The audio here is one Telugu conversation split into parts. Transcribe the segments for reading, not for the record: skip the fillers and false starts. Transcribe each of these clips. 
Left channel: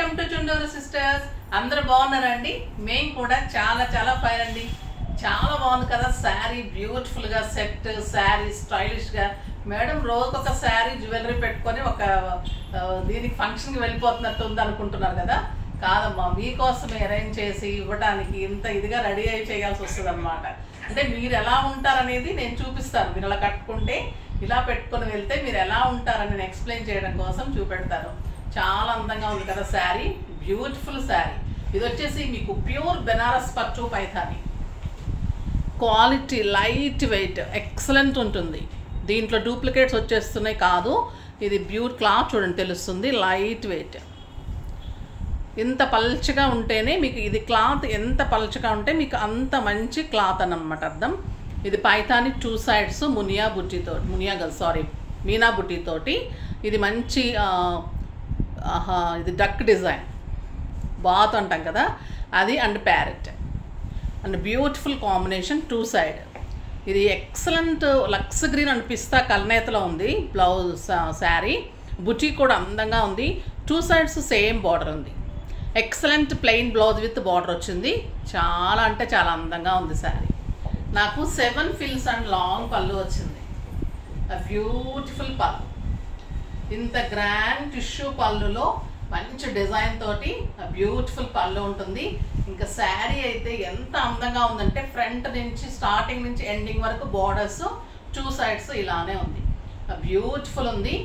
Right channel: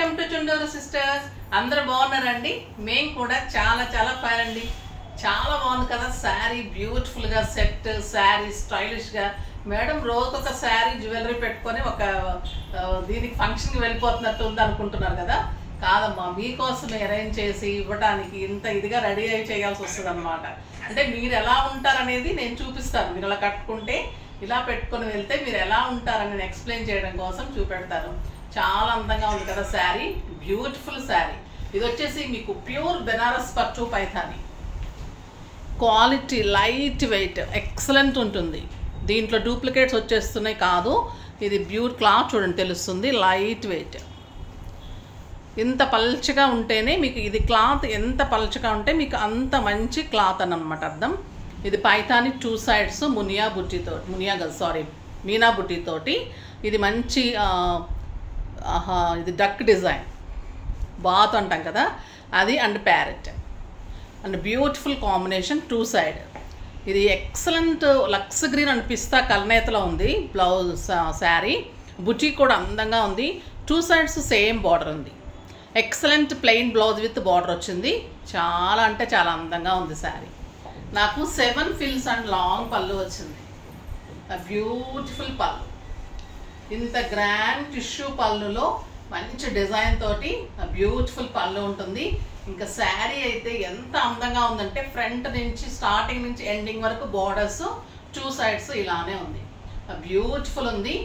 Welcome to Chunduru sisters. అందరూ బాగున్నారండి? మేము కూడా చాలా చాలా ఫైన్ అండి. చాలా బాగుంది కదా శారీ, బ్యూటిఫుల్ గా సెట్ శారీ, స్టైలిష్ గా. మేడం రోజు ఒక శారీ జ్యువెలరీ పెట్టుకొని ఒక దీనికి ఫంక్షన్ కి వెళ్ళిపోతున్నట్టు ఉంది అనుకుంటున్నారు కదా. కాదమ్మా, మీకోసమే అరేంజ్ చేసి ఇవ్వడానికి ఇంత ఇదిగా రెడీ అయి చేయాల్సి వస్తుంది అనమాట. అంటే మీరు ఎలా ఉంటారనేది నేను చూపిస్తాను. మీరు అలా కట్టుకుంటే, ఇలా పెట్టుకొని వెళ్తే మీరు ఎలా ఉంటారని నేను ఎక్స్ప్లెయిన్ చేయడం కోసం చూపెడతాను. చాలా అందంగా ఉంది కదా శారీ, బ్యూటిఫుల్ శారీ. ఇది వచ్చేసి మీకు ప్యూర్ బెనారస్ పట్టు Paithani. Quality, light weight, excellent ఉంటుంది. దీంట్లో డూప్లికేట్స్ వచ్చేస్తున్నాయి కాదు. ఇది ప్యూర్ క్లాత్ చూడండి, తెలుస్తుంది. Light weight. ఇంత పల్చగా ఉంటేనే మీకు ఇది క్లాత్, ఎంత పల్చగా ఉంటే మీకు అంత మంచి క్లాత్ అని అనమాట అర్థం. ఇది పైథాని 2 sides మునియా బుట్టితో, మీనా బుట్టితోటి. ఇది మంచి ఇది డక్ డిజైన్, బాత్ అంటాం కదా అది, and parrot, and beautiful combination 2 side. ఇది ఎక్సలెంట్ లక్స్ గ్రీన్ అండ్ పిస్తా కల్నేతలో ఉంది బ్లౌజ్ శారీ. బుటీ కూడా అందంగా ఉంది. 2 sides సేమ్ బార్డర్ ఉంది. Excellent plain blouse with border వచ్చింది. చాలా అంటే చాలా అందంగా ఉంది శారీ. నాకు 7 fills అండ్ లాంగ్ పళ్ళు వచ్చింది. బ్యూటిఫుల్ పళ్ళు. ఇంత గ్రాండ్ టిష్యూ పళ్ళులో మంచి డిజైన్ తోటి బ్యూటిఫుల్ పళ్ళు ఉంటుంది. ఇంకా శారీ అయితే ఎంత అందంగా ఉందంటే ఫ్రంట్ నుంచి స్టార్టింగ్ నుంచి ఎండింగ్ వరకు బోర్డర్స్ 2 sides ఇలానే ఉంది. బ్యూటిఫుల్ ఉంది.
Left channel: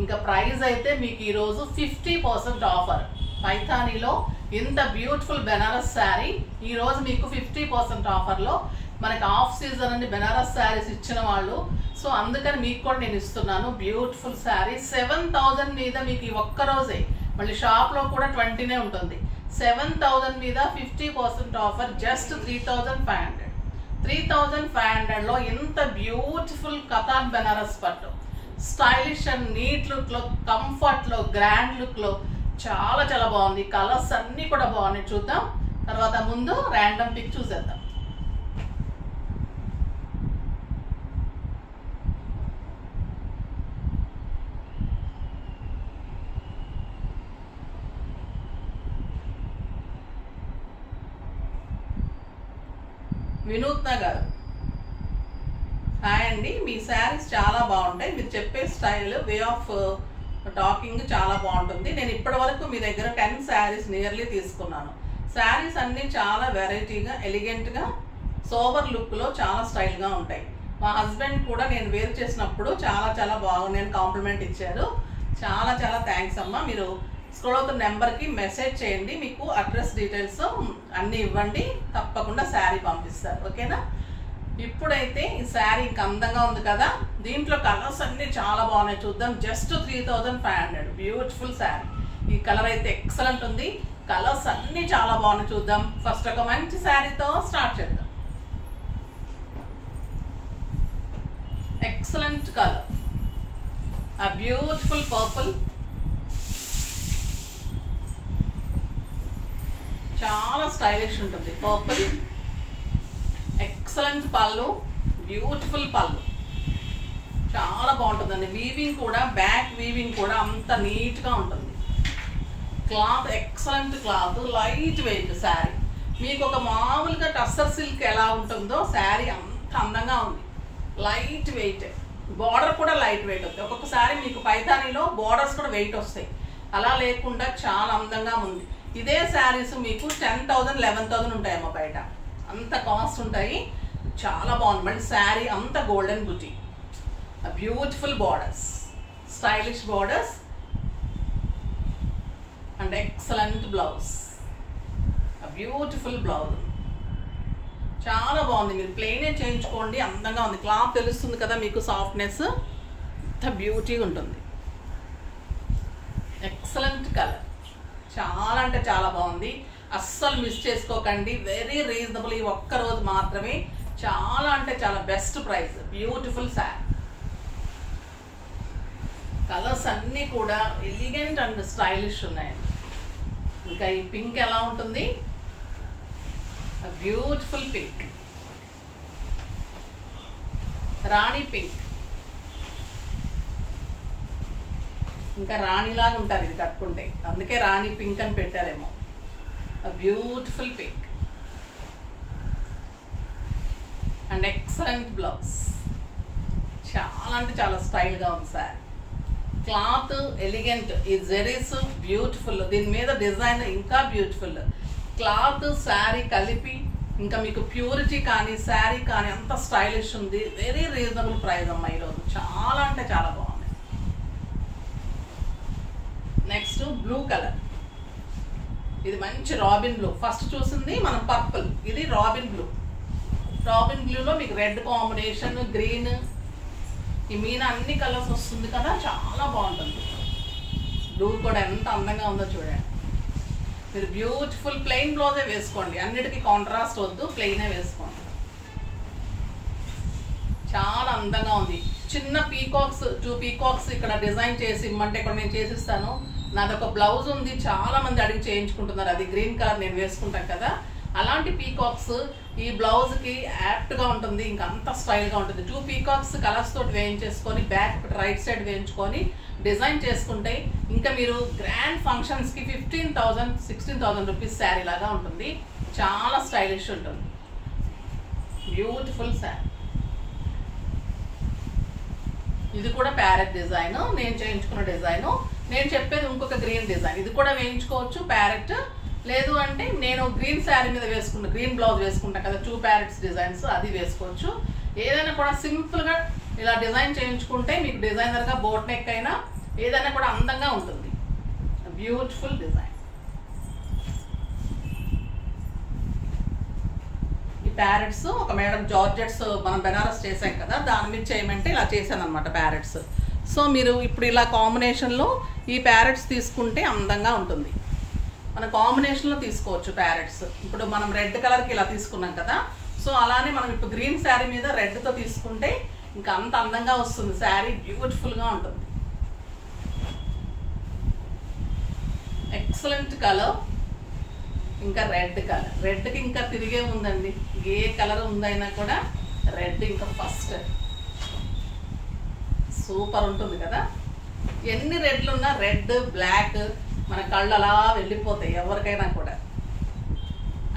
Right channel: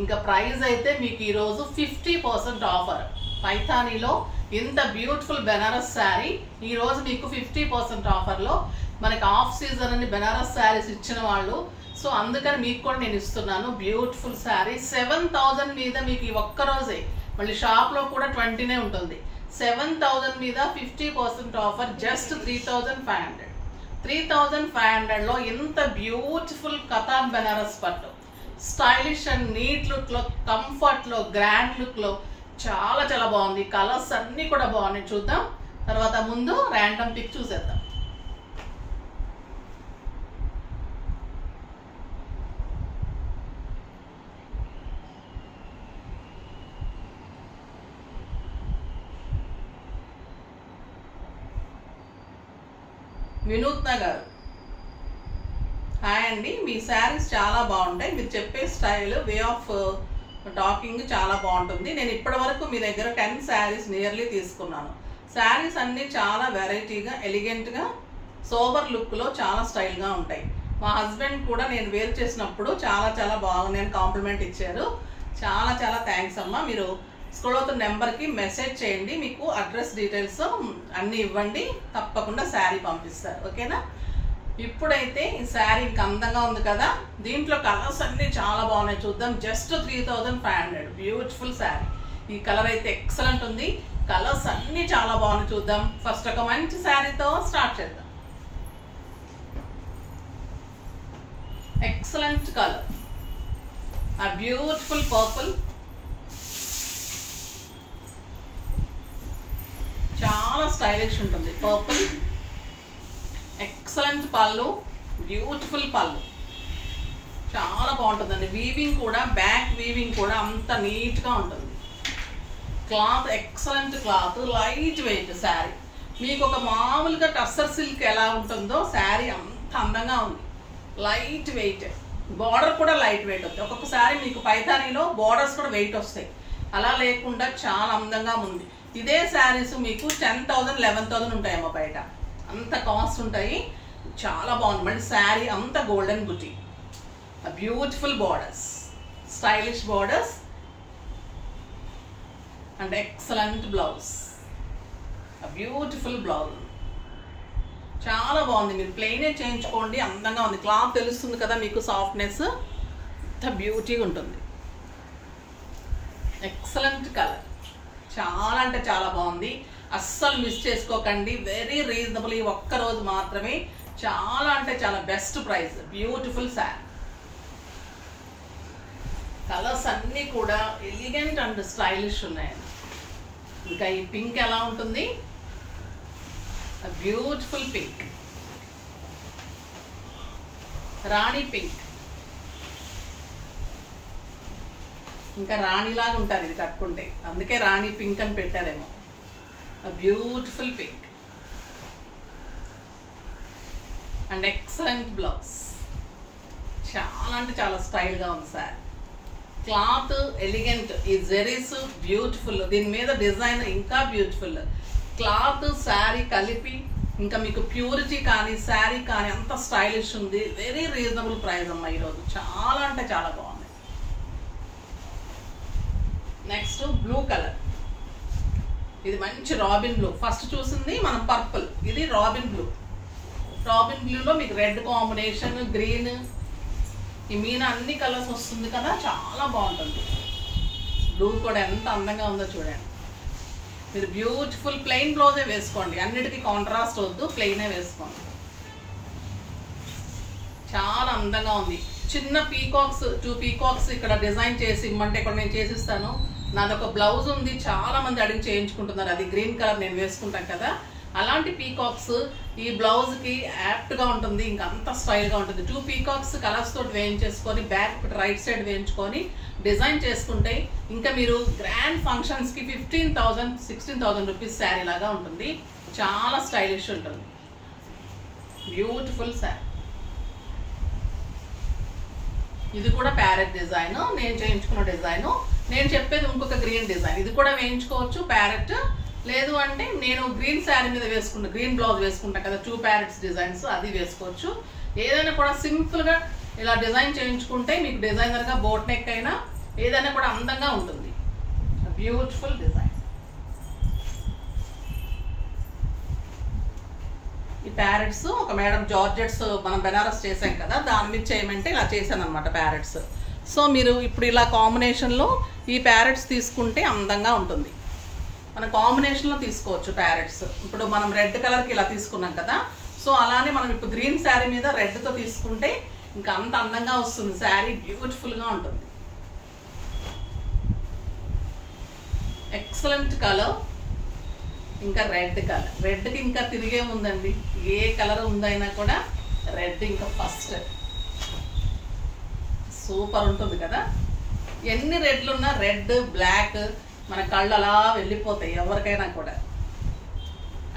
ఇంకా ప్రైస్ అయితే మీకు ఈరోజు 50% ఆఫర్. పైథానీలో ఇంత బ్యూటిఫుల్ బెనారస్ శారీ ఈరోజు మీకు 50% ఆఫర్లో. మనకి ఆఫ్ సీజన్ అని బెనారస్ శారీస్ ఇచ్చిన వాళ్ళు, సో అందుకని మీకు కూడా నేను ఇస్తున్నాను బ్యూటిఫుల్ శారీ. 7,000 మీద మీకు ఈ ఒక్కరోజే, మళ్ళీ షాప్లో కూడా 20నే ఉంటుంది. 7,000 మీద 50% ఆఫర్, జస్ట్ 3,500. 3,500లో ఇంత బ్యూటిఫుల్ కథాన్ బెనారస్ పట్టు, స్టైలిష్ అండ్ నీట్ లుక్లో, కంఫర్ట్లో, గ్రాండ్ లుక్లో చాలా చాలా బాగుంది. కలర్స్ అన్నీ కూడా బాగున్నాయి. చూద్దాం తర్వాత. ముందు ర్యాండమ్ పిక్ చూసేద్దాం. వినూత్న గారు, హాయ్ అండి. మీ శారీస్ చాలా బాగుంటాయి. మీరు చెప్పే స్టైల్, వే ఆఫ్ టాకింగ్ చాలా బాగుంటుంది. నేను ఇప్పటి వరకు మీ దగ్గర 10 శారీస్ నియర్లీ తీసుకున్నాను. శారీస్ అన్నీ చాలా వెరైటీగా, ఎలిగెంట్గా, సోబర్ లుక్లో చాలా స్టైల్గా ఉంటాయి. మా హస్బెండ్ కూడా నేను వేర్ చేసినప్పుడు చాలా చాలా బాగున్నాయని కాంప్లిమెంట్ ఇచ్చారు. చాలా చాలా థ్యాంక్స్ అమ్మా. మీరు స్క్రోల్ అవుతున్న నెంబర్కి మెసేజ్ చేయండి, మీకు అడ్రస్ డీటెయిల్స్ అన్నీ ఇవ్వండి, తప్పకుండా శారీ పంపిస్తారు. ఓకేనా? ఇప్పుడైతే ఈ శారీ ఇంకా అందంగా ఉంది కదా. దీంట్లో కలర్స్ అన్నీ చాలా బాగున్నాయి. చూద్దాం. జస్ట్ 3,500. బ్యూటిఫుల్ శారీ. ఈ కలర్ అయితే ఎక్సలెంట్ ఉంది. కలర్స్ అన్నీ చాలా బాగున్నాయి. చూద్దాం. ఫస్ట్ ఒక మంచి శారీతో స్టార్ట్ చేద్దాం. ఎక్సలెంట్ కలర్, ఆ బ్యూటిఫుల్ పర్పుల్. చాలా స్టైలిష్ ఉంటుంది పర్పుల్. ఎక్సలెంట్ పళ్ళు, బ్యూటిఫుల్ పళ్ళు, చాలా బాగుంటుందండి. వీవింగ్ కూడా, బ్యాక్ వీవింగ్ కూడా అంత నీట్గా ఉంటుంది. Cloth excellent cloth, light weight sari. మీకు ఒక మామూలుగా టస్సర్ సిల్క్ ఎలా ఉంటుందో శారీ అంత అందంగా ఉంది. లైట్ వెయిట్, బార్డర్ కూడా లైట్ వెయిట్ వస్తుంది. ఒక్కొక్కసారి మీకు పైథానీలో బార్డర్స్ కూడా వెయిట్ వస్తాయి. అలా లేకుండా చాలా అందంగా ఉంది. ఇదే శారీస్ మీకు 10,000, 11,000 ఉంటాయమ్మా బయట. అంత కాస్ట్ ఉంటాయి. చాలా బాగుంది. మళ్ళీ శారీ అంత golden buti, beautiful borders, stylish borders, and excellent blouse, beautiful blouse. చాలా బాగుంది. మీరు ప్లెయినే చేయించుకోండి, అందంగా ఉంది. క్లాత్ తెలుస్తుంది కదా మీకు, సాఫ్ట్నెస్, ఇంత బ్యూటీగా ఉంటుంది. ఎక్సలెంట్ కలర్, చాలా అంటే చాలా బాగుంది. అస్సలు మిస్ చేసుకోకండి. Very reasonable. ఈ ఒక్క రోజు మాత్రమే. చాలా అంటే చాలా best price. Beautiful sari. Colours అన్నీ కూడా ఎలిగెంట్ అండ్ స్టైలిష్ ఉన్నాయండి. ఇంకా ఈ పింక్ ఎలా ఉంటుంది? బ్యూటిఫుల్ పింక్, రాణి పింక్. ఇంకా రాణిలాగా ఉంటారు ఇది కట్టుకుంటే, అందుకే రాణి పింక్ అని పెట్టారేమో. Beautiful pink and excellent blouse. చాలా అంటే చాలా స్టైల్గా ఉంది సార్. క్లాత్ ఎలిగెంట్, ఈ జెరీస్ బ్యూటిఫుల్, దీని మీద డిజైన్ ఇంకా బ్యూటిఫుల్. క్లాత్ శారీ కలిపి ఇంకా మీకు ప్యూరిటీ కానీ శారీ కానీ అంత స్టైలిష్ ఉంది. వెరీ రీజనబుల్ ప్రైస్ అమ్మా ఈరోజు, చాలా అంటే చాలా బాగుంది. నెక్స్ట్ బ్లూ కలర్, ఇది మంచి రాబిన్ బ్లూ. ఫస్ట్ చూసింది మనం పర్పుల్, ఇది రాబిన్ బ్లూ. రాబిన్ బ్లూలో మీకు రెడ్ కాంబినేషన్, గ్రీన్, ఈ మీన అన్ని కలర్స్ వస్తుంది కదా, చాలా బాగుంటుంది. బ్లూ కూడా ఎంత అందంగా ఉందో చూడండి. మీరు బ్యూటిఫుల్ ప్లెయిన్ బ్లౌజే వేసుకోండి, అన్నిటికీ కాంట్రాస్ట్ వద్దు, ప్లెయినే వేసుకోండి. చాలా అందంగా ఉంది. చిన్న పీకాక్స్, 2 పీకాక్స్ ఇక్కడ డిజైన్ చేసి ఇమ్మంటే ఇక్కడ నేను చేసిస్తాను. నాదొక బ్లౌజ్ ఉంది, చాలా మంది అడిగి చేయించుకుంటున్నారు, అది గ్రీన్ కలర్ నేను వేసుకుంటాను కదా, అలాంటి పీకాక్స్ ఈ బ్లౌజ్కి యాప్ట్గా ఉంటుంది, ఇంకా అంత స్టైల్గా ఉంటుంది. 2 పీకాక్స్ కలర్స్ తోటి వేయించేసుకొని బ్యాక్ ఒకటి రైట్ సైడ్ వేయించుకొని డిజైన్ చేసుకుంటే ఇంకా మీరు గ్రాండ్ ఫంక్షన్స్కి 15,000 16,000 రూపీస్ శారీ లాగా ఉంటుంది. చాలా స్టైలిష్ ఉంటుంది, బ్యూటిఫుల్ శారీ. ఇది కూడా ప్యారెట్ డిజైన్, నేను చేయించుకున్న డిజైన్. నేను చెప్పేది ఇంకొక గ్రీన్ డిజైన్, ఇది కూడా వేయించుకోవచ్చు ప్యారెట్. లేదు అంటే నేను గ్రీన్ శారీ మీద వేసుకుంటా, గ్రీన్ బ్లౌజ్ వేసుకుంటాను కదా, 2 ప్యారెట్స్ డిజైన్స్, అది వేసుకోవచ్చు. ఏదైనా కూడా సింపుల్గా ఇలా డిజైన్ చేయించుకుంటే మీకు డిజైనర్గా బోట్ నెక్ అయినా ఏదైనా కూడా అందంగా ఉంటుంది. Beautiful design. ఈ ప్యారెట్స్ ఒక మేడం జార్జెట్స్ మనం బెనారస్ చేసాం కదా, దాని మీద చేయమంటే ఇలా చేశాను అనమాట ప్యారెట్స్. సో మీరు ఇప్పుడు ఇలా కాంబినేషన్లో ఈ ప్యారెట్స్ తీసుకుంటే అందంగా ఉంటుంది. మన కాంబినేషన్లో తీసుకోవచ్చు ప్యారెట్స్. ఇప్పుడు మనం రెడ్ కలర్కి ఇలా తీసుకున్నాం కదా, సో అలానే మనం ఇప్పుడు గ్రీన్ శారీ మీద రెడ్తో తీసుకుంటే ఇంకా అంత అందంగా వస్తుంది శారీ, బ్యూటిఫుల్గా ఉంటుంది. Excellent colour. ఇంకా రెడ్ కలర్, రెడ్కి ఇంకా తిరిగే ఉందండి, ఏ కలర్ ఉందైనా కూడా రెడ్ ఇంకా ఫస్ట్. సూపర్ ఉంటుంది కదా, ఎన్ని రెడ్లు ఉన్నా రెడ్ బ్లాక్ మన కళ్ళు అలా వెళ్ళిపోతాయి ఎవరికైనా కూడా.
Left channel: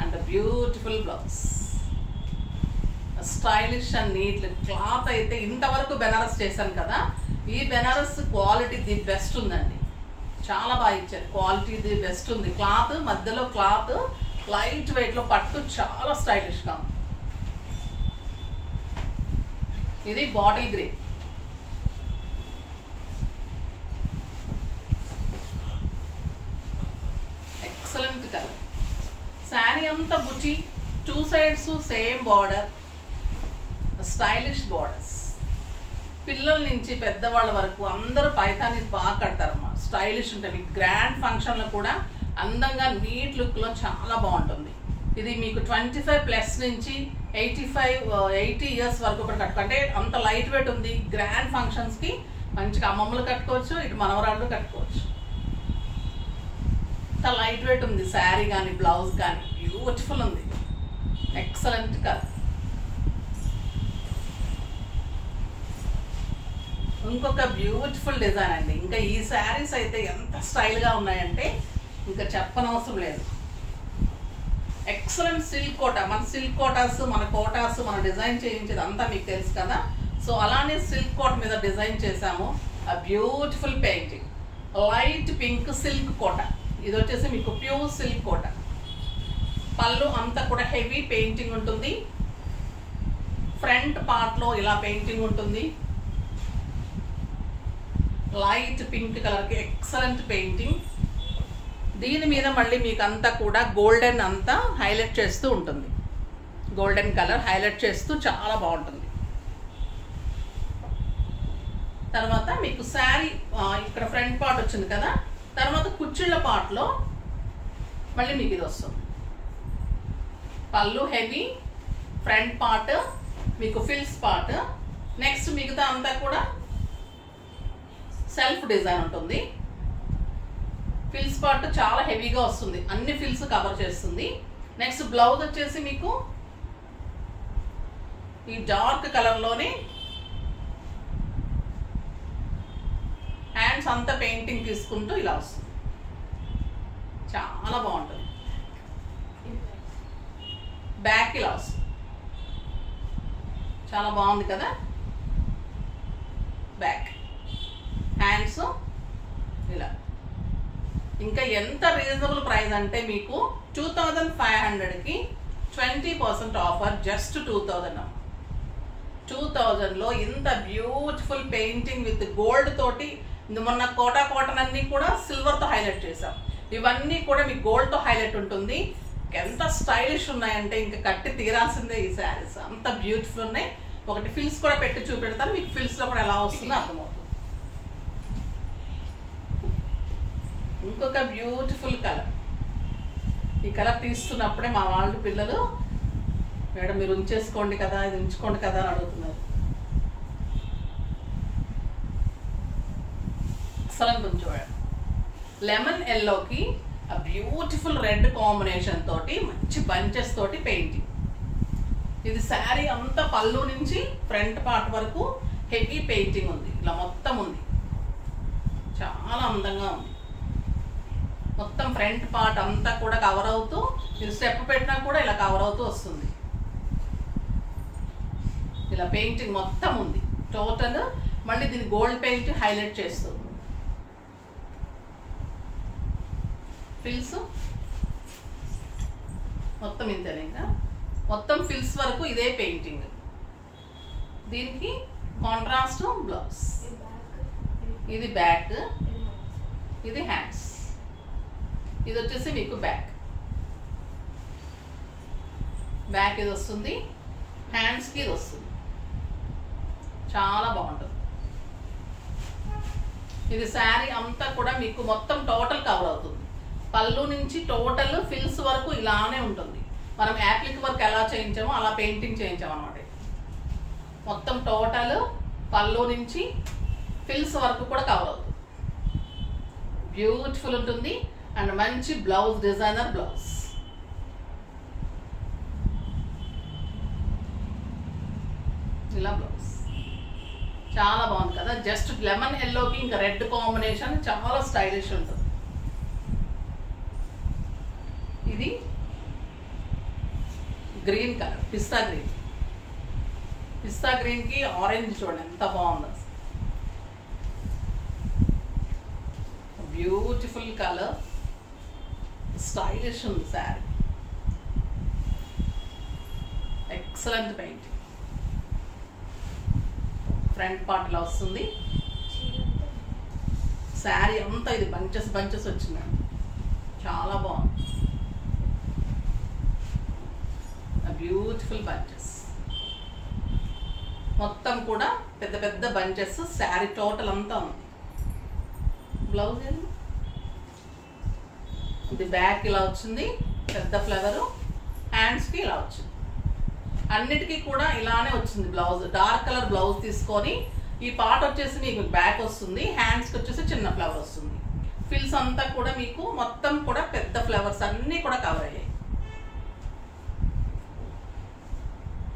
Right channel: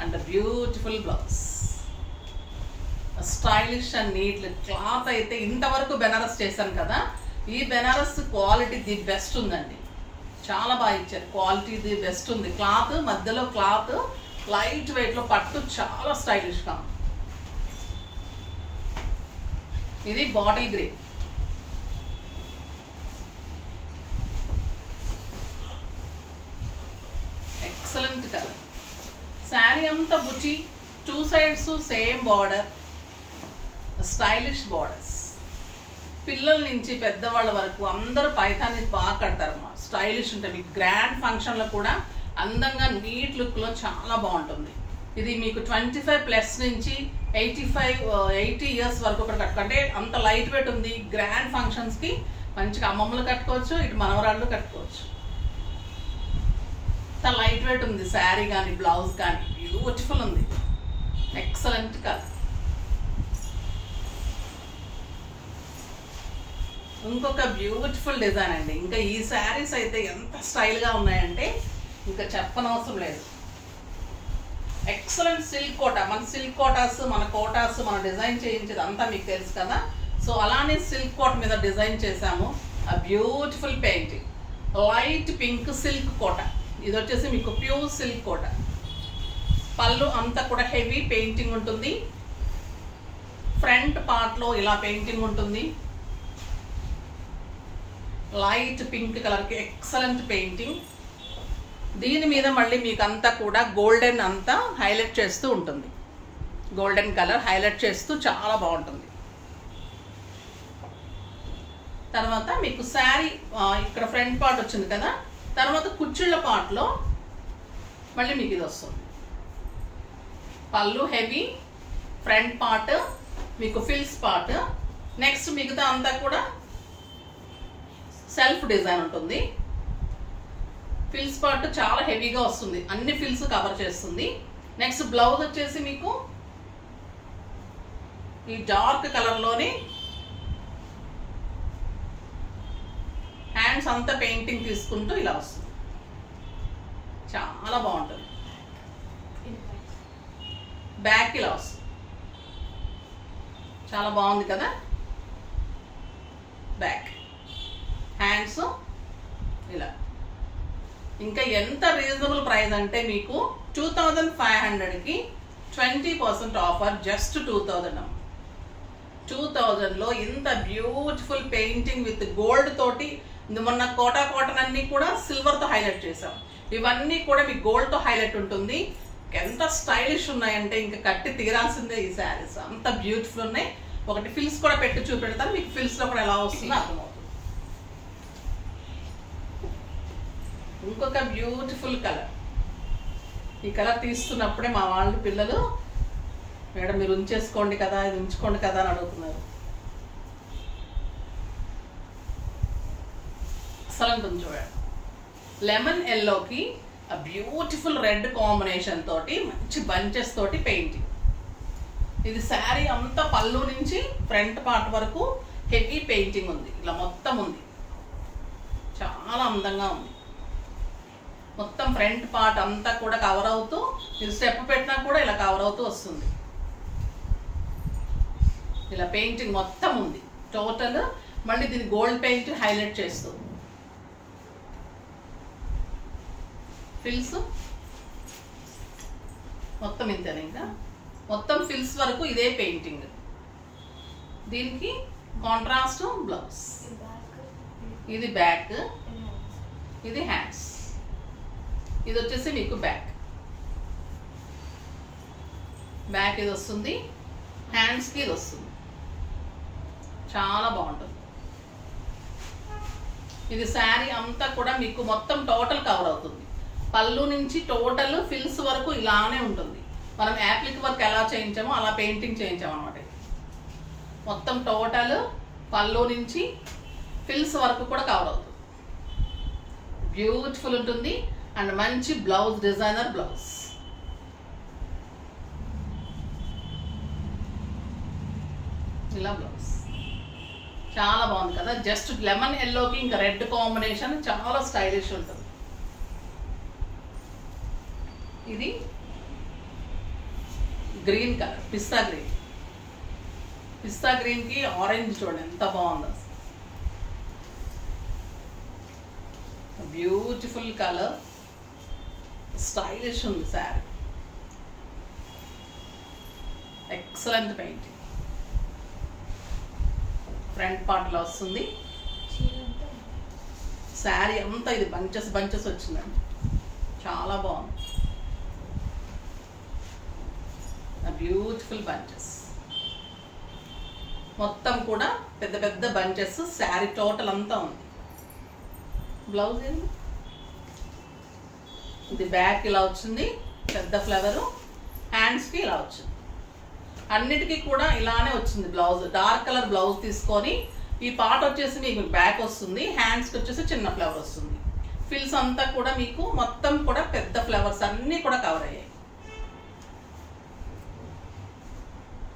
And beautiful blouse, stylish and neat. Cloth అయితే ఇంతవరకు బెనారస్ చేశాను కదా, ఈ బెనారస్ క్వాలిటీ ది బెస్ట్ ఉందండి, చాలా బాగా ఇచ్చారు, క్వాలిటీ ది బెస్ట్ ఉంది. క్లాత్ మధ్యలో క్లాత్ లైట్ వెయిట్లో పట్టు చాలా స్టైలిష్గా ఉంది. ఇది bottle green, excellent colour. Sari అంతా బుచి, 2 sides same border, stylish borders. పిల్లల నుంచి పెద్దవాళ్ళ వరకు అందరూ పైతాని బాగా కడతారమ్మా, స్టైలిష్ ఉంటాయి. మీకు గ్రాండ్ ఫంక్షన్లో కూడా అందంగా నీట్ లుక్లో చాలా బాగుంటుంది. ఇది మీకు 25+ నుంచి 80 ఇయర్స్ వరకు కూడా కట్టుకుంటే అంత లైట్ వెయిట్ ఉంది. గ్రాండ్ ఫంక్షన్స్కి మంచిగా అమ్మమ్మలు కట్టుకోవచ్చు, ఇటు మనవరాళ్ళు కట్టుకోవచ్చు. అంత లైట్ వెయిట్ ఉంది శారీ కానీ బ్లౌజ్ కానీ, బ్యూటిఫుల్ ఉంది, ఎక్సలెంట్ కలర్. ఇంకొక బ్యూటిఫుల్ డిజైన్ అండి. ఇంకా ఈ శారీస్ అయితే ఎంత స్టైల్గా ఉన్నాయంటే ఇంకా చెప్పనవసరం లేదు. ఎక్సలెంట్ సిల్క్ కోటా, మన సిల్క్ కోటాస్, మన కోటాస్ మనం డిజైన్ చేయించేది అంతా మీకు తెలుసు కదా. సో అలానే సిల్క్ కోట మీద డిజైన్ చేసాము. ఆ beautiful painting, light pink silk Kota. ఇది వచ్చేసి మీకు ప్యూర్ సిల్క్ కోట. పళ్ళు అంతా కూడా హెవీ పెయింటింగ్ ఉంటుంది, ఫ్రంట్ పార్ట్లో ఇలా పెయింటింగ్ ఉంటుంది. లైట్ పింక్ కలర్కి ఎక్సలెంట్ పెయింటింగ్. దీని మీద మళ్ళీ మీకు అంతా కూడా గోల్డెన్ అంతా హైలైట్ చేస్తూ ఉంటుంది, గోల్డెన్ కలర్ హైలైట్ చేస్తూ చాలా బాగుంటుంది. తర్వాత మీకు శారీ ఇక్కడ ఫ్రంట్ పార్ట్ వచ్చింది కదా, తర్వాత కుచ్చిళ్ళ పార్ట్లో మళ్ళీ మీకు ఇది వస్తుంది. పళ్ళు హెవీ, ఫ్రంట్ పార్ట్ మీకు ఫిల్స్ పార్ట్. నెక్స్ట్ మిగతా అంతా కూడా సెల్ఫ్ డిజైన్ ఉంటుంది. ఫిల్స్ పార్ట్ చాలా హెవీగా వస్తుంది, అన్ని ఫిల్స్ కవర్ చేస్తుంది. నెక్స్ట్ బ్లౌజ్ వచ్చేసి మీకు ఈ డార్క్ కలర్లోనే హ్యాండ్స్ హ్యాండ్స్ అంతా పెయింటింగ్ తీసుకుంటూ ఇలా వస్తుంది. చాలా బాగుంటుంది. బ్యాక్ ఇలా వస్తుంది. చాలా బాగుంది కదా. బ్యాక్ హ్యాండ్స్ ఇలా. ఇంకా ఎంత రీజనబుల్ ప్రైస్ అంటే మీకు 2500కి 20% ఆఫర్. జస్ట్ 2000. 2000లో ఇంత బ్యూటిఫుల్ పెయింటింగ్ విత్ గోల్డ్ తోటి. మొన్న కోటా కాటన్ అన్ని కూడా సిల్వర్తో హైలైట్ చేసాం. ఇవన్నీ కూడా మీకు గోల్డ్తో హైలైట్ ఉంటుంది. ఎంత స్టైలిష్ ఉన్నాయంటే ఇంకా కట్టి తీరాల్సిందే ఈ శారీస్. అంత బ్యూటిఫుల్ ఉన్నాయి. ఒకటి ఫిల్స్ కూడా పెట్టి చూపెడతాను మీకు. ఫిల్స్లో కూడా ఎలా వస్తుందో అర్థమవుతుంది. ఇంకొక బ్యూటిఫుల్ కలర్. ఈ కలర్ తీస్తున్నప్పుడే మా వాళ్ళు పిల్లలు, మేడం మీరు ఉంచేసుకోండి కదా, ఇది ఉంచుకోండి కదా అని అడుగుతున్నారు. అసలు కొంచెం లెమన్ ఎల్లోకి బ్యూటిఫుల్ రెడ్ కాంబినేషన్ తోటి మంచి బంచెస్ తోటి పెయింటింగ్. ఇది శారీ అంతా పళ్ళు నుంచి ఫ్రంట్ పార్ట్ వరకు హెవీ పెయింటింగ్ ఉంది. ఇలా మొత్తం ఉంది. చాలా అందంగా ఉంది. మొత్తం ఫ్రంట్ పార్ట్ అంతా కూడా కవర్ అవుతూ, మీరు స్టెప్ పెట్టినా కూడా ఇలా కవర్ అవుతూ వస్తుంది. ఇలా పెయింటింగ్ మొత్తం ఉంది టోటల్. మళ్ళీ దీన్ని గోల్డ్ పెయింట్ హైలైట్ చేస్తూ. ఫిల్స్ మొత్తం ఇంతేనే. ఇంకా మొత్తం ఫిల్స్ వరకు ఇదే పెయింటింగ్. దీనికి కాంట్రాస్ట్ బ్లౌజ్. ఇది బ్యాక్, ఇది హ్యాండ్స్. ఇది వచ్చేసి మీకు బ్యాక్. బ్యాక్ ఇది వస్తుంది. హ్యాండ్స్కి ఇది వస్తుంది. చాలా బాగుంటుంది. ఇది శారీ అంతా కూడా మీకు మొత్తం టోటల్ కవర్ అవుతుంది. పళ్ళు నుంచి టోటల్ ఫిల్స్ వరకు ఇలానే ఉంటుంది. మనం యాప్లిక్ వర్క్ ఎలా చేయించామో అలా పెయింటింగ్ చేయించాం అనమాట. మొత్తం టోటల్ పళ్ళు నుంచి ఫిల్స్ వరకు కూడా కవర్ అవుతుంది. బ్యూటిఫుల్ ఉంటుంది. అండ్ మంచి బ్లౌజ్, డిజైనర్ బ్లౌజ్. ఇలా బ్లౌజ్ చాలా బాగుంది కదా. జస్ట్ లెమన్ ఎల్లోకి ఇంకా రెడ్ కాంబినేషన్ చాలా స్టైలిష్ ఉంటుంది. ఇది గ్రీన్ కలర్, పిస్తా గ్రీన్. పిస్తా గ్రీన్కి ఆరెంజ్ చూడండి ఎంత బాగుందో. బ్యూటిఫుల్ కలర్, స్టైలిష్ ఉంది sari. Excellent painting. Front part ఇలా వస్తుంది. శారీ అంతా ఇది బంచెస్ బంచెస్ వచ్చిందండి. చాలా బాగుంది. బ్యూటిఫుల్ బంచెస్ మొత్తం కూడా పెద్ద పెద్ద బంచెస్. శారీ టోటల్ అంతా ఉంది. బ్లౌజ్ ఏంది, ఇది బ్యాక్ ఇలా వచ్చింది పెద్ద ఫ్లవరు. హ్యాండ్స్కి ఇలా వచ్చింది. అన్నిటికీ కూడా ఇలానే వచ్చింది బ్లౌజ్. డార్క్ కలర్ బ్లౌజ్ తీసుకొని ఈ పార్ట్ వచ్చేసి మీకు బ్యాక్ వస్తుంది. హ్యాండ్స్కి వచ్చేసి చిన్న ఫ్లవర్ వస్తుంది. ఫిల్స్ అంతా కూడా మీకు మొత్తం కూడా పెద్ద ఫ్లవర్స్ అన్నీ కూడా కవర్ అయ్యాయి.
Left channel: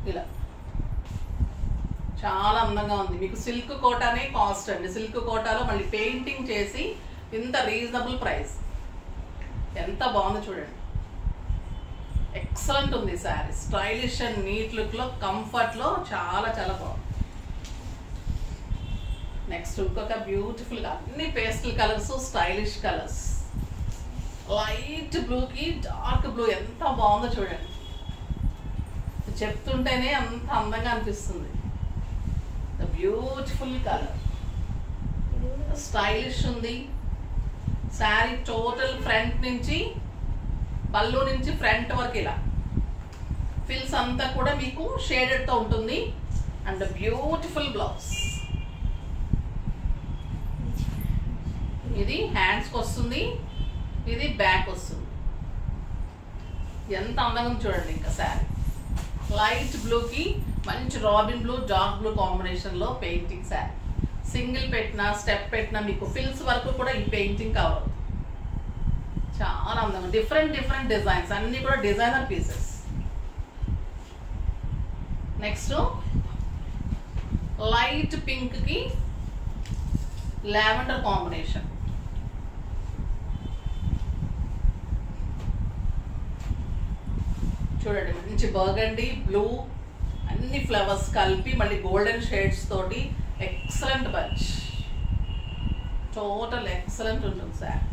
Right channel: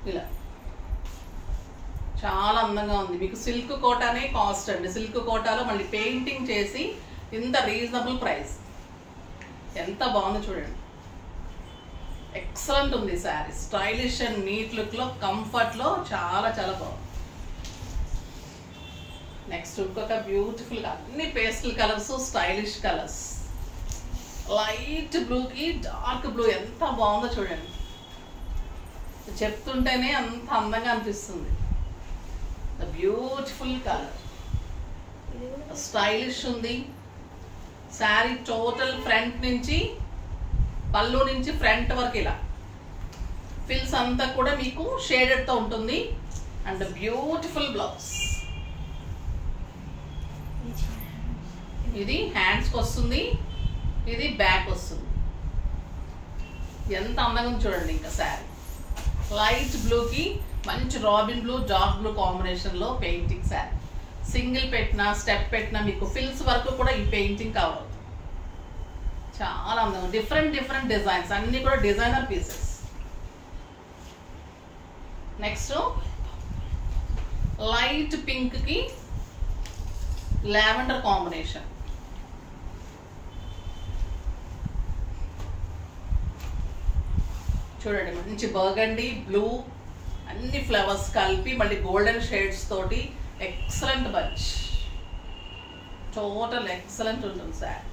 ఇలా చాలా అందంగా ఉంది. మీకు సిల్క్ కోటానే కాస్ట్ అండి. సిల్క్ కోటాలో మళ్ళీ పెయింటింగ్ చేసి ఇంత రీజనబుల్ ప్రైస్. ఎంత బాగుందో చూడండి. ఎక్సలెంట్ ఉంది శారీ. స్టైలిష్ అండ్ నీట్ లుక్లో, కంఫర్ట్లో చాలా చాలా బాగుంది. నెక్స్ట్ ఇంకొక బ్యూటిఫుల్, అన్ని pastel colours, stylish colours. Light బ్లూకి డార్క్ బ్లూ ఎంత బాగుందో చూడండి. చెప్తుంటేనే అంత అందంగా అనిపిస్తుంది. బ్యూటిఫుల్ కలర్, స్టైలిష్ ఉంది శారీ. టోటల్ ఫ్రంట్ నుంచి పళ్ళు నుంచి ఫ్రంట్ వరకు ఇలా ఫిల్స్ అంతా కూడా మీకు షేడెడ్తో ఉంటుంది. And beautiful blouse. ఇది హ్యాండ్స్కి వస్తుంది, ఇది బ్యాక్ వస్తుంది. ఎంత అందంగా చూడండి. ఇంకా శారీ లైట్ బ్లూకి మంచి రాబిన్ బ్లూ, డార్క్ బ్లూ కాంబినేషన్లో పెయింటింగ్ శారీ. సింగిల్ పెట్టినా స్టెప్ పెట్టినా మీకు ఫిల్స్ వరకు కూడా ఈ పెయింటింగ్ కవర్ అవుతుంది. చాలా అందంగా డిఫరెంట్ డిఫరెంట్ డిజైన్స్, అన్నీ కూడా డిజైనర్ పీసెస్. నెక్స్ట్ లైట్ పింక్కి లావెండర్ కాంబినేషన్. చూడండి, మంచి బర్గండీ, బ్లూ, అన్ని ఫ్లవర్స్ కలిపి మళ్ళీ గోల్డెన్ షేడ్స్ తోటి ఎక్సలెంట్ బంచ్. టోటల్ ఎక్సలెంట్ ఉంటుంది సార్.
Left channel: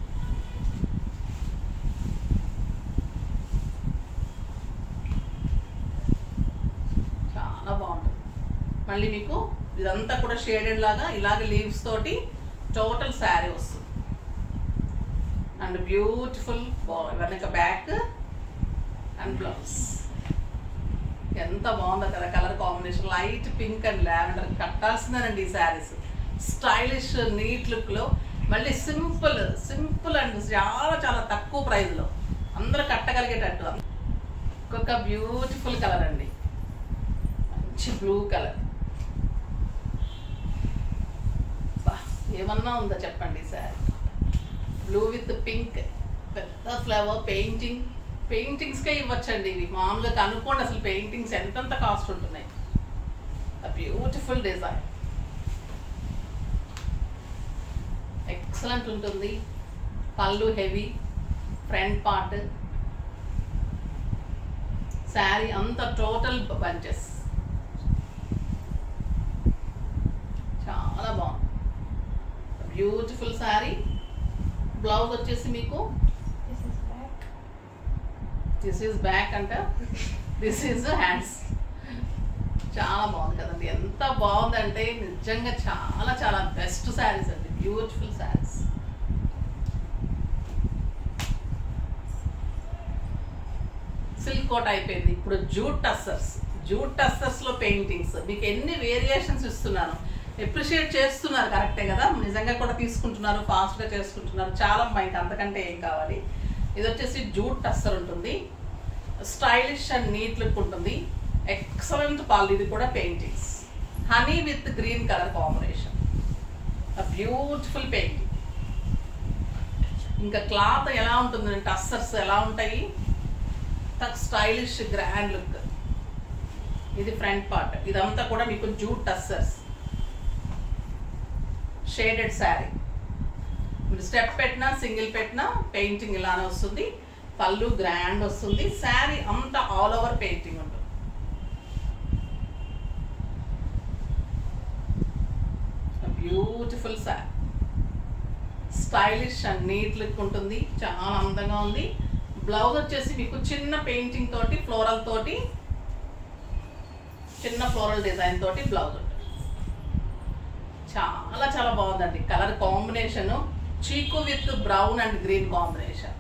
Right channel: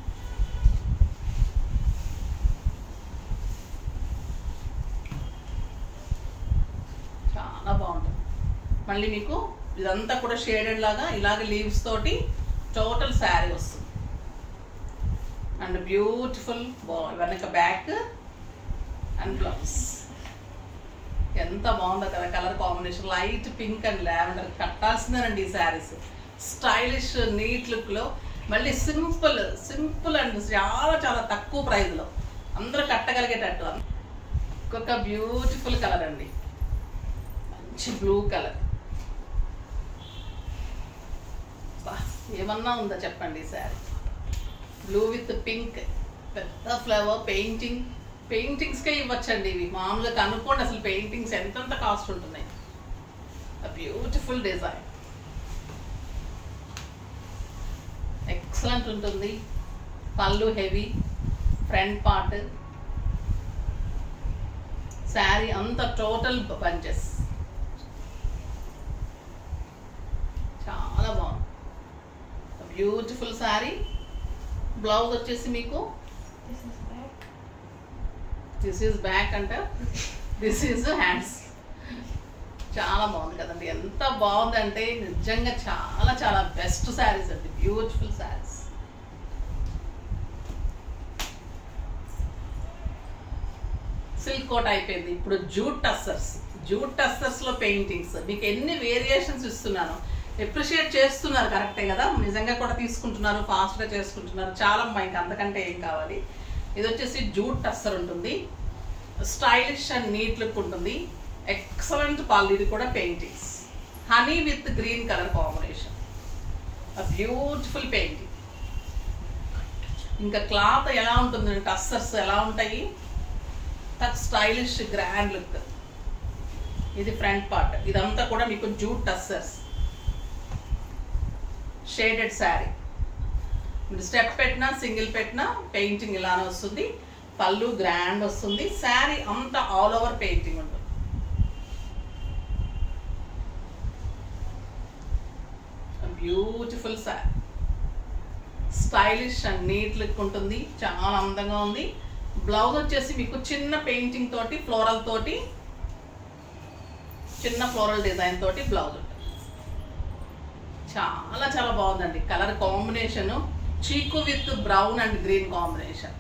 చాలా బాగుంటుంది. మళ్ళీ మీకు ఇదంతా కూడా షేడెడ్ లాగా ఇలాగ లీవ్స్ తోటి టోటల్ శారీ వస్తుంది. అండ్ బ్యూటిఫుల్ వెనక బ్యాక్ అండ్ బ్లౌజ్. ఎంత బాగుందో కదా colour combination. Light pink and lavender కట్టాల్సిందేనండి ఈ శారీస్. స్టైలిష్ నీట్ లుక్లో, మళ్ళీ సింపుల్ అండ్ చాలా చాలా తక్కువ ప్రైస్లో అందరూ కట్టగలిగేటట్టు. ఇంకొక బ్యూటిఫుల్ కలర్ అండి, మంచి బ్లూ కలర్. ఏమన్నా ఉందా చెప్పండి ఈ శారీ. బ్లూ విత్ పింక్, పెద్ద ఫ్లవర్ పెయింటింగ్స్కే ఇవ్వచ్చండి ఇవి. మామూలుగా కనుక్కోండి అసలు పెయింటింగ్స్ ఎంతెంత కాస్ట్ ఉంటున్నాయి. బ్యూటిఫుల్ డిజైన్, ఎక్సలెంట్ ఉంటుంది. పళ్ళు హెవీ, ఫ్రంట్ పార్ట్, శారీ అంతా టోటల్ బంచెస్. చాలా బాగుంది, బ్యూటిఫుల్ శారీ. బ్లౌజ్ వచ్చేసి మీకు దిస్ ఈజ్ బ్యాక్ అంట, దిస్ ఈజ్ హ్యాండ్స్. చాలా బాగుంది కదండి. ఎంత బాగుందంటే నిజంగా చాలా చాలా బెస్ట్ శారీస్ అండి, బ్యూటిఫుల్ శారీస్. సిల్క్ కోట్ అయిపోయింది, ఇప్పుడు జూట్ టస్సర్స్లో పెయింటింగ్స్. మీకు ఎన్ని వేరియేషన్స్ ఇస్తున్నాను, ఎప్రిషియేట్ చేస్తున్నారు, కరెక్టే కదా. నిజంగా కూడా తీసుకుంటున్నారు, ఫాస్ట్గా చేసుకుంటున్నారు. చాలా మీకు అంతకంటే ఏం కావాలి. ఇది వచ్చేసి జూట్ టస్సర్ ఉంటుంది, స్టైలిష్ అండ్ నీట్ లుక్ ఉంటుంది. ఎక్సలెంట్ పళ్ళు. ఇది కూడా paintings, honey with green colour combination, beautiful painting. ఇంకా క్లాత్ ఎలా ఉంటుంది, టస్సర్స్ ఎలా ఉంటాయి, స్టైలిష్ గ్రాండ్ లుక్. ఇది ఫ్రంట్ పార్ట్, ఇదంతా కూడా మీకు జూట్ టస్సర్స్, షేడెడ్ శారీ. మీరు స్టెప్ పెట్టినా సింగిల్ పెట్టినా పెయింటింగ్ ఇలానే వస్తుంది. పళ్ళు గ్రాండ్ వస్తుంది. శారీ అంతా ఆల్ ఓవర్ పెయింటింగ్ ఉంటుంది. Beautiful sari, stylish and neat look ఉంటుంది. చాలా అందంగా ఉంది. బ్లౌజ్ వచ్చేసి మీకు చిన్న పెయింటింగ్ తోటి, ఫ్లోరల్ తోటి, చిన్న ఫ్లోరల్ డిజైన్ తోటి బ్లౌజ్ ఉంటుంది. చాలా చాలా బాగుందండి colour combination. Chiku with brown and green combination,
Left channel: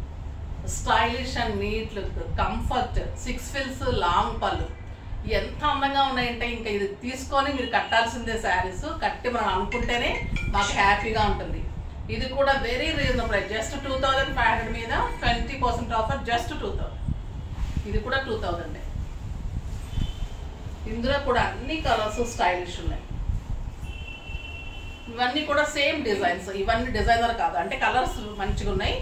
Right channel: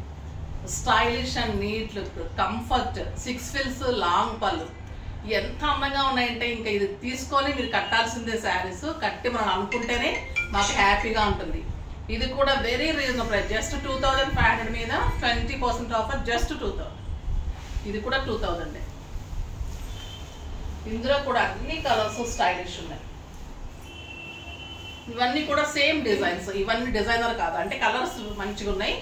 stylish and neat look, comfort, 6 ఫిల్స్, లాంగ్ పళ్ళు. ఎంత అందంగా ఉన్నాయంటే ఇంకా ఇది తీసుకొని మీరు కట్టాల్సిందే శారీస్. కట్టి మనం అనుకుంటేనే మాకు హ్యాపీగా ఉంటుంది. ఇది కూడా వెరీ రీజనబుల్ ప్రైస్, జస్ట్ 2500 మీద 20% ఆఫర్, జస్ట్ 2000. ఇది కూడా 2000. ఇందులో కూడా అన్ని కలర్స్ స్టైలిష్ ఉన్నాయి. ఇవన్నీ కూడా సేమ్ డిజైన్స్. ఇవన్నీ డిజైనర్ కాదు, అంటే కలర్స్ మంచిగా ఉన్నాయి.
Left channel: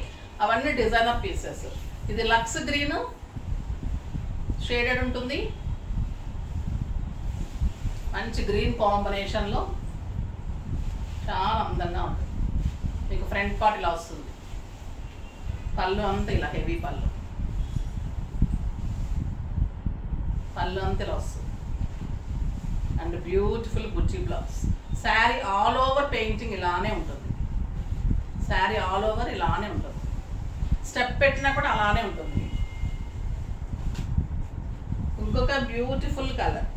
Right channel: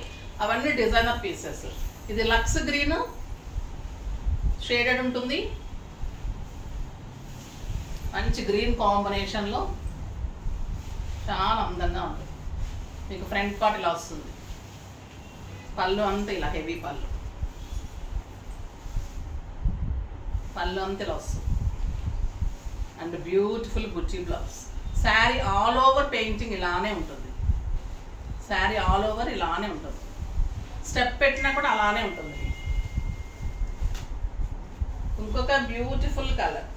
అవన్నీ డిజైనర్ పీసెస్. ఇది లక్స్ గ్రీన్ షేడెడ్ ఉంటుంది, మంచి గ్రీన్ కాంబినేషన్లో చాలా అందంగా ఉంటుంది. మీకు ఫ్రంట్ పార్ట్ ఇలా వస్తుంది. పళ్ళు అంతా ఇలా హెవీ పళ్ళు అంతా ఇలా వస్తుంది. అండ్ బ్యూటిఫుల్ బుట్టి blouse. Sari all over painting ఇలానే ఉంటుంది. శారీ ఆల్ ఓవర్ ఇలానే ఉంటుంది. స్టెప్ పెట్టినా కూడా అలానే ఉంటుంది. ఇంకొక బ్యూటిఫుల్ కలర్,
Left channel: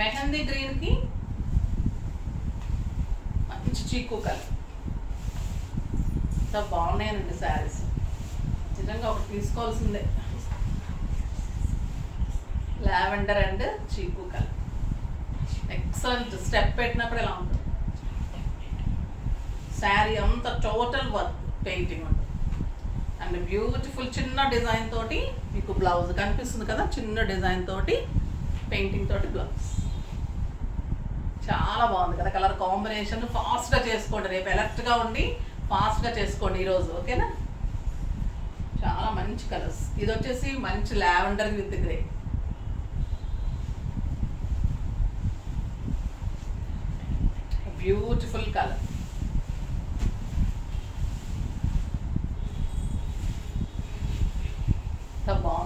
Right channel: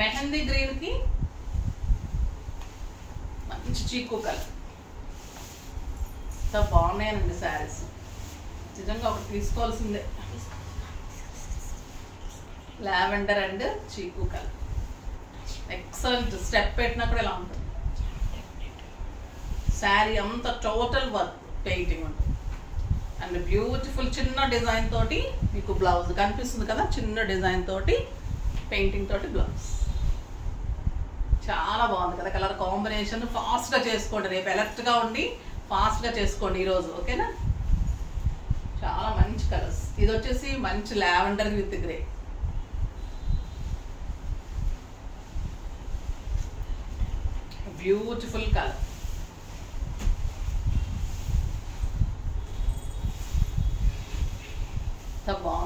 మెహందీ గ్రీన్కి మంచి చీకు కలర్. ఎంత బాగున్నాయనండి శారీస్, నిజంగా ఒకటి తీసుకోవాల్సిందే. లావెండర్ అండ్ చీకు కలర్, ఎక్సలెంట్. స్టెప్ పెట్టినా కూడా ఇలా ఉంటుంది. శారీ అంతా టోటల్ వర్క్ పెయింటింగ్ ఉంటుంది. అండ్ బ్యూటిఫుల్ చిన్న డిజైన్ తోటి మీకు బ్లౌజ్ కనిపిస్తుంది కదా, చిన్న డిజైన్ తోటి పెయింటింగ్ తోటి బ్లౌజ్. చాలా బాగుంది కదా కలర్ కాంబినేషన్. ఫాస్ట్గా చేసుకోండి, రేపు ఎలర్ట్గా ఉండి ఫాస్ట్గా చేసుకోండి ఈరోజు, ఓకేనా. చాలా మంచి కలర్స్. ఇది వచ్చేసి మంచి lavender with grey. Beautiful colour.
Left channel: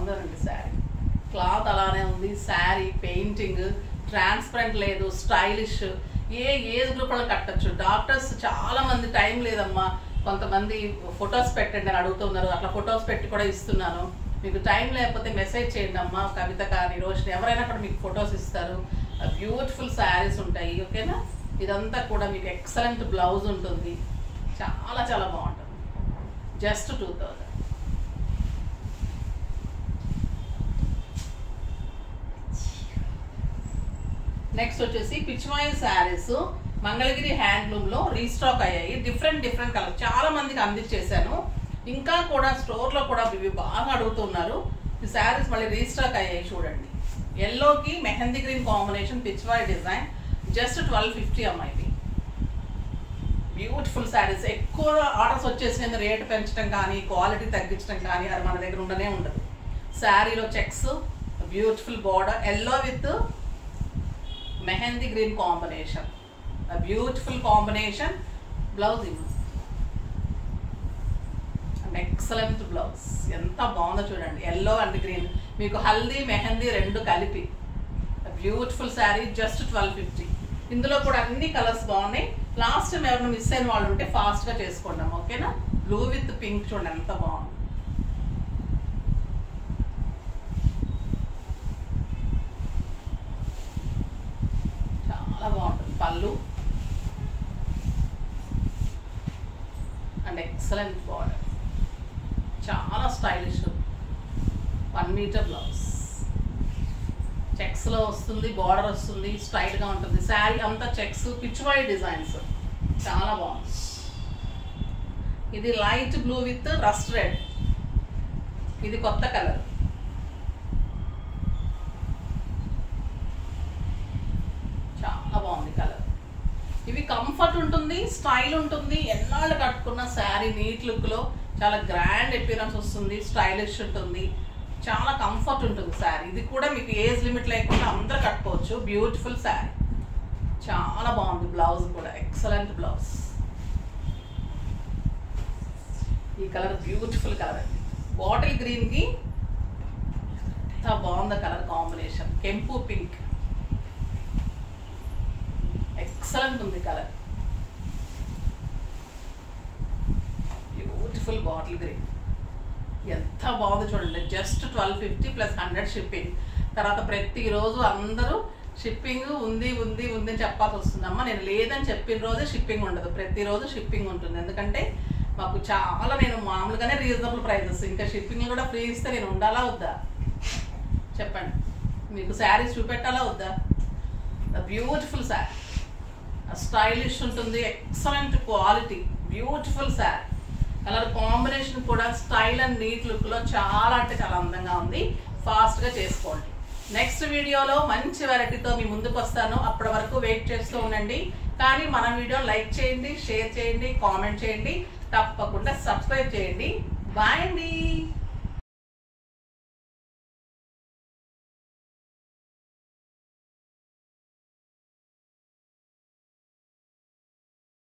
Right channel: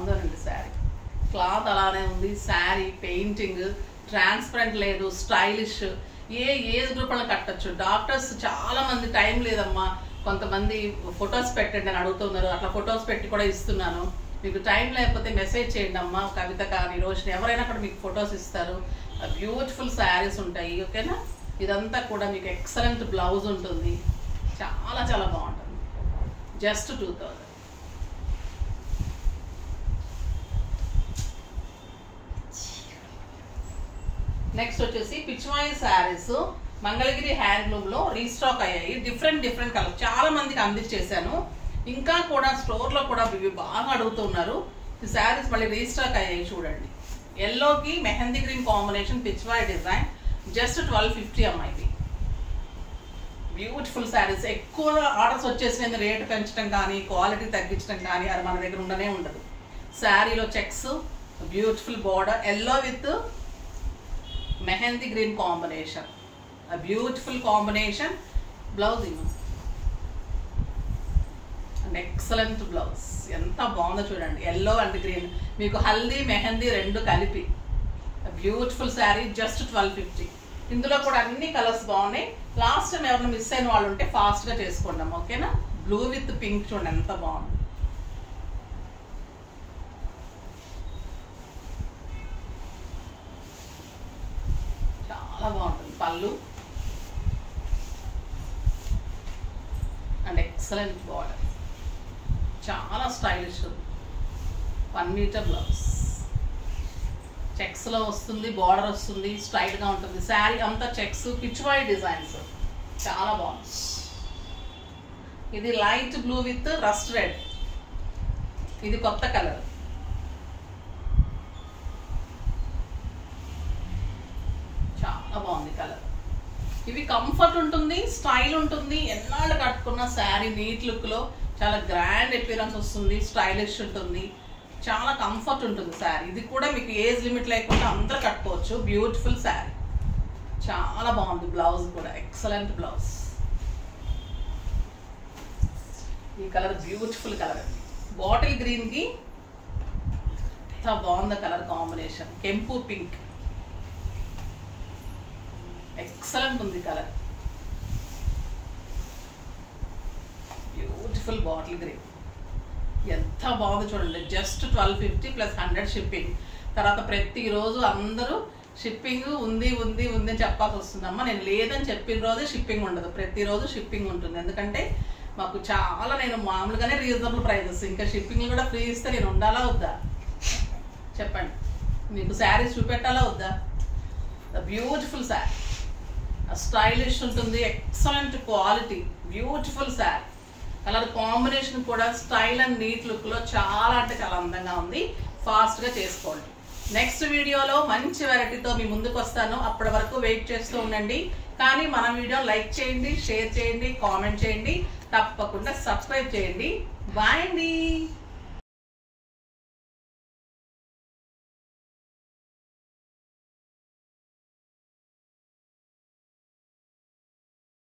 బాగుందోనండి శారీ. క్లాత్ అలానే ఉంది, శారీ పెయింటింగ్ ట్రాన్స్పరెంట్ లేదు, స్టైలిష్. ఏ ఏజ్ గ్రూప్ వాళ్ళని కట్టచ్చు. డాక్టర్స్ చాలా మంది టైం లేదమ్మా, కొంతమంది ఫొటోస్ పెట్టండి అని అడుగుతున్నారు, అట్లా ఫొటోస్ పెట్టి కూడా ఇస్తున్నాను. మీకు టైం లేకపోతే మెసేజ్ చేయండి అమ్మా, కవిత కానీ రోషిని ఎవరైనా కూడా మీకు ఫొటోస్ ఇస్తారు. బ్యూటిఫుల్ శారీస్ ఉంటాయి. ఓకేనా. ఇదంతా కూడా మీకు ఎక్సలెంట్ బ్లౌజ్ ఉంటుంది, చాలా చాలా బాగుంటుంది. జస్ట్ 2000. నెక్స్ట్ వచ్చేసి పిచ్వాయి శారీస్ మంగళగిరి హ్యాండ్లూమ్లో రీస్టాక్ అయ్యాయి. డిఫరెంట్ కలర్ చాలా మందికి అందించేశాను. ఇంకా కూడా స్టోర్లో కూడా ఇవి బాగా అడుగుతున్నారు. ఈ శారీస్ మళ్ళీ రీస్టాక్ అయ్యాయి. చూడండి, ఎల్లోకి mehndi green combination Pichwai design. Just 1250 అమ్మాయి. బ్యూటిఫుల్ శారీస్. ఎక్కువ ఆర్డర్స్ వచ్చేసి రేట్ పెంచడం కానీ క్వాలిటీ తగ్గించడం కానీ అది మన దగ్గర ఉండనే ఉండదు. శారీలో checks, beautiful border, yellow with mehndi green combination, beautiful combination. Blouse and excellent blouse. ఎంత బాగుందో చూడండి, ఎల్లో అండ్ గ్రీన్. మీకు హల్దీ మెహందీ రెండు కలిపి బ్యూటిఫుల్ శారీ. జస్ట్ 1250. ఇందులో కూడా అన్ని కలర్స్ బాగున్నాయి. లాస్ట్ టైం ఎవరైనా మిస్ అయిన వాళ్ళు ఉంటే ఫాస్ట్గా చేసుకోండి. ఓకేనా. బ్లూ విత్ పింక్ చూడండి ఎంత బాగుంది. చాలా బాగుంటుంది. పళ్ళు అండ్ ఎక్సలెంట్ బార్డర్, చాలా స్టైలిష్. 1 మీటర్ బ్లౌజ్, చెక్స్లో వస్తుంది, బార్డర్ వస్తుంది, స్టైల్గా ఉంటుంది. శారీ అంతా చెక్స్, పిచ్వాయి డిజైన్స్, చాలా బాగుంది. ఇది light blue with rust red. ఇది కొత్త కలర్. చాలా బాగుంది కలర్. ఇవి కంఫర్ట్ ఉంటుంది, స్టైల్ ఉంటుంది. ఎన్నాళ్ళు కట్టుకున్న శారీ నీట్ లుక్లో చాలా గ్రాండ్ అపియరెన్స్ వస్తుంది, స్టైలిష్ ఉంటుంది, చాలా కంఫర్ట్ ఉంటుంది శారీ. ఇది కూడా మీకు ఏజ్ లిమిట్ లేకుండా అందరూ కట్టుకోవచ్చు. బ్యూటిఫుల్ శారీ, చాలా బాగుంది. బ్లౌజ్ కూడా ఎక్సలెంట్ బ్లౌజ్. ఈ కలర్ బ్యూటిఫుల్ కలర్ అండి. బాటిల్ గ్రీన్కి ఎంత బాగుంది కలర్ కాంబినేషన్. కెంపు పింక్, ఎక్సలెంట్ ఉంది కలర్. బ్యూటిఫుల్ బాటిల్ గ్రీన్, ఎంత బాగుంది చూడండి. Just 1250 plus 100 shipping. తర్వాత ప్రతిరోజు అందరూ షిప్పింగ్ ఉంది ఉంది ఉంది అని చెప్పాల్సి వస్తుందమ్మా. నేను లేదని చెప్పిన రోజే షిప్పింగ్ ఉండదు, ప్రతిరోజు షిప్పింగ్ ఉంటుంది. ఎందుకంటే మాకు చాలా, నేను మామూలుగానే రీజనబుల్ ప్రైజెస్, ఇంకా షిప్పింగ్ కూడా ఫ్రీ ఇస్తే నేను ఉండాలా వద్దా చెప్పండి. మీకు శారీస్ చూపెట్టాలా వద్దా. ద బ్యూటిఫుల్ శారీ, స్టైలిష్ ఉంటుంది, excellent quality, beautiful sari. Colour combination కూడా స్టైల్ అండ్ నీట్ లుక్లో చాలా అంటే చాలా అందంగా ఉంది. ఫాస్ట్గా చేసుకోండి. నెక్స్ట్ వీడియోలో మంచి వెరైటీతో మీ ముందుకు వస్తాను. అప్పటి వరకు వెయిట్ చేస్తూ ఉండండి. కానీ మన వీడియో లైక్ చేయండి, షేర్ చేయండి, కామెంట్ చేయండి, తప్పకుండా సబ్స్క్రైబ్ చేయండి. బాయ్ అండి.